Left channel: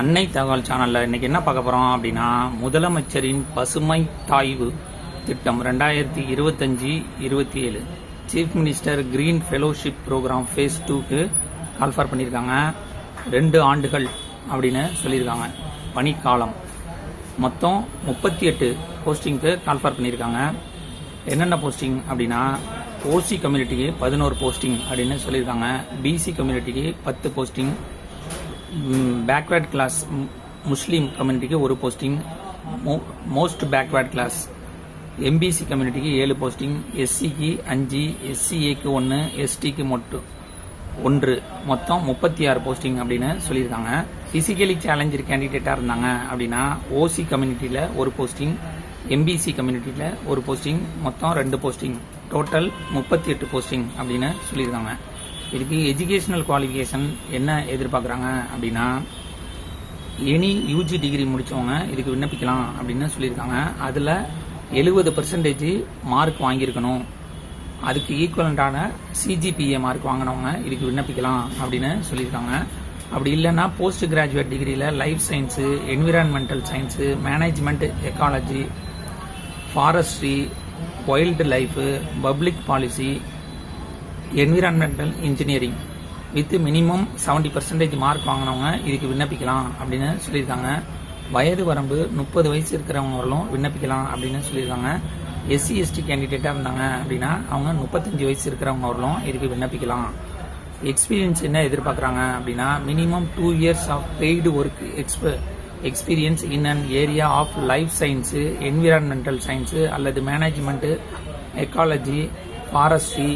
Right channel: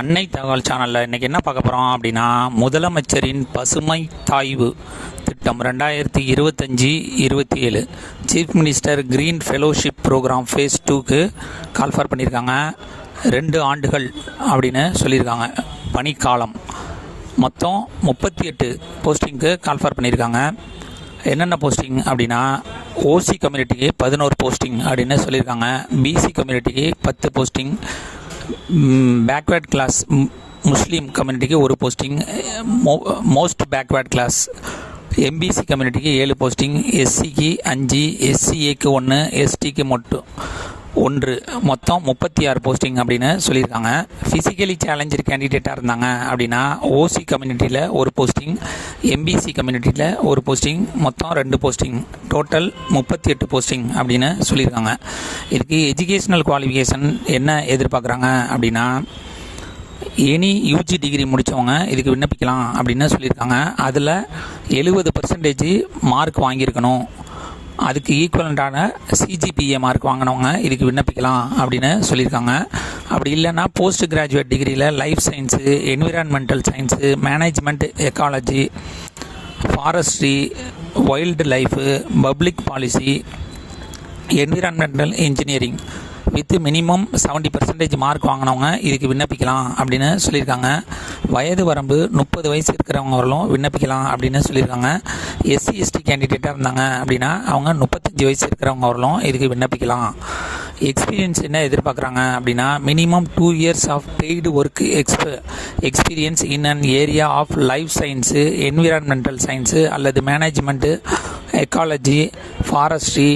அன்னை தகவல் சேனலில் இன்றைக்கி என்ன பார்க்க போகிறோம் அப்படின்னா, முதலமைச்சரின் பசுமை தாய்வு திட்டம் 2025-27 chief minister green fellowship program phase 2க்கு கால்ஃபர் பண்ணியிருக்காங்க. 2 ஆண்டுகள் அப்படின்னு சொல்லியிருக்காங்க பணிக்காலம். மொத்தம் 38 போஸ்டிங்க்கு கால்ஃபர் பண்ணியிருக்காங்க. என்னென்ன போஸ்டிங் அப்படின்னா, ஓசி கம்யூனிட்டிக்கு 11 போஸ்டிங் அப்படின்னு சொல்லியிருக்காங்க. பிசி கம்யூனிட்டிக்கு 10 போஸ்டிங், பேக்வேர்ட் கிளாஸ் முஸ்லீம் கம்யூனிட்டிக்கு 1 posting, most backward class MBC கம்யூனிட்டிக்கு 7 போஸ்டிங், எஸ்சிக்கு 5, எஸ்சிஏக்கு 1, எஸ்டிக்கு மட்டும் 1, மொத்தம் 36 போஸ்டிங் அப்படின்னு சொல்லியிருக்காங்க. ஃபிசிக்கலி சேலஞ்சர் கேண்டிடேட்டாக இருந்தாங்க அப்படின்னா ஓசி கம்யூனிட்டியில் 1 போஸ்டிங், எம்பிசி கம்யூனிட்டியில் 1 போஸ்டிங், மொத்தம் 2 போஸ்டிங், டோட்டல் 38 போஸ்டிங் அப்படின்னு சொல்லியிருக்காங்க. இதுக்கு எஜுகேஷ்னல் குவாலிஃபிகேஷன் என்ன எதிர்பார்க்குறாங்க அப்படின்னா, எனி யூஜி டிகிரி முடித்தவங்க இதுக்கு விண்ணப்பிக்கலாம் அப்படின்னு சொல்லியிருக்காங்க. அதில் 70% மார்க் வாங்கியிருக்கணும். அதுக்கு ஈக்குவலண்டான சிஜிபிஏ மார்க் வாங்கினவங்க இதுக்கு விண்ணப்பிக்கலாம் அப்படின்னு சொல்லியிருக்காங்க. அப்படி இல்லைன்னா போஸ்ட் கிராஜுவேட் டிகிரியில் life science, environmental science, management, ecology, forestry, wild life, public policy, environmental engineering with minimum 70% mark வாங்கினவங்க இதுக்கு விண்ணப்பிக்கலாம் அப்படின்னு சொல்லியிருக்காங்க. வயது வரம்பு 30 வயசு இருக்கிறவங்க வரலும் விண்ணப்பிக்கலாம் அப்படின்னு சொல்லியிருக்காங்க. எஸ்சி எஸ்டி கேண்டிடேட்டாக இருந்தாங்க அப்படின்னா அவங்க 35 வயசு இருக்கிறவங்க வரலும் இதுக்கு விண்ணப்பிக்கலாம். எக்ஸ்பீரியன்ஸ் என்ன எதிர்பார்க்குறாங்க அப்படின்னா, minimum 2 years of paid work experience in an area of life science, environmental science அல்லது management, ecology, forestry,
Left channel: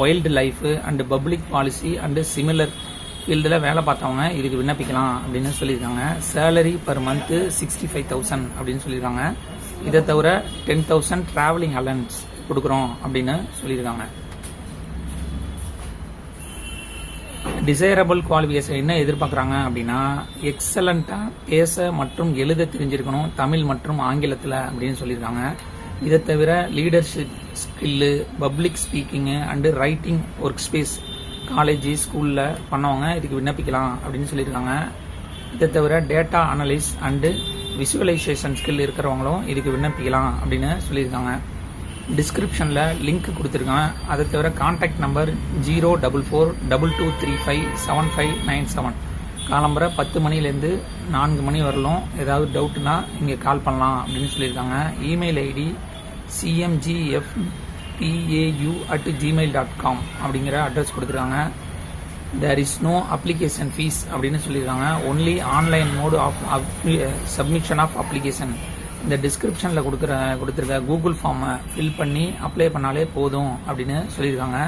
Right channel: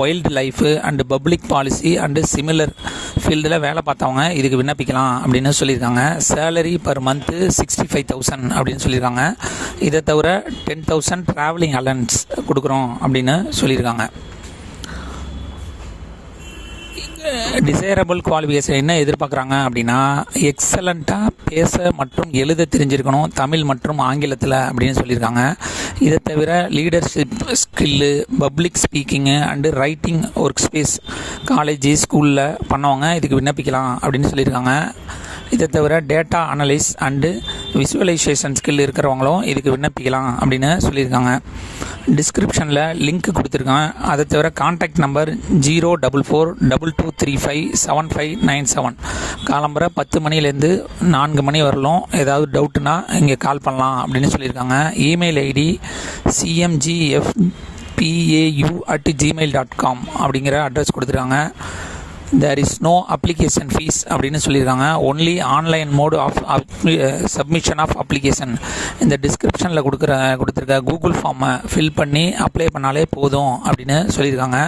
wild life and public policy and similar ஃபீல்டில் வேலை பார்த்தவங்க இதுக்கு விண்ணப்பிக்கலாம் அப்படின்னு சொல்லியிருக்காங்க. சேலரி பர் மந்த்து 65,000 அப்படின்னு சொல்லியிருக்காங்க. இதை தவிர 10,000 ட்ராவலிங் அலவன்ஸ் கொடுக்குறோம் அப்படின்னு சொல்லியிருக்காங்க. டிசைரபிள் குவாலிஃபிகேஷன் என்ன எதிர்பார்க்குறாங்க அப்படின்னா, எக்ஸலண்ட்டாக பேச மற்றும் எழுத தெரிஞ்சிருக்கணும் தமிழ் மற்றும் ஆங்கிலத்தில் அப்படின்னு சொல்லியிருக்காங்க. இதை தவிர leadership skill, public speaking and writing work space college ஸ்கூலில் பண்ணவங்க இதுக்கு விண்ணப்பிக்கலாம் அப்படின்னு சொல்லியிருக்காங்க. இதை தவிர data analyse and visualisation skill இருக்கிறவங்களும் இதுக்கு விண்ணப்பிக்கலாம் அப்படின்னு சொல்லியிருக்காங்க. டிஸ்கிரிப்ஷனில் லிங்க் கொடுத்துருக்கேன். அதை தவிர கான்டாக்ட் நம்பர் 04422357597. காலம்பரை 10 மணிலேருந்து 4 மணி வரலும் ஏதாவது டவுட்டுனா இங்கே கால் பண்ணலாம் அப்படின்னு சொல்லியிருக்காங்க. இமெயில் ஐடி cmgfpau@gmail.com அப்படிங்கிற அட்ரஸ் கொடுத்துருக்காங்க. There is no application fee அப்படின்னு சொல்லியிருக்காங்க. Only online mode of submission of application. இந்த டிஸ்கிரிப்ஷனில் கொடுத்துருக்க கூகுள் ஃபார்மை ஃபில் பண்ணி அப்ளை பண்ணாலே போதும் அப்படின்னு சொல்லியிருக்காங்க.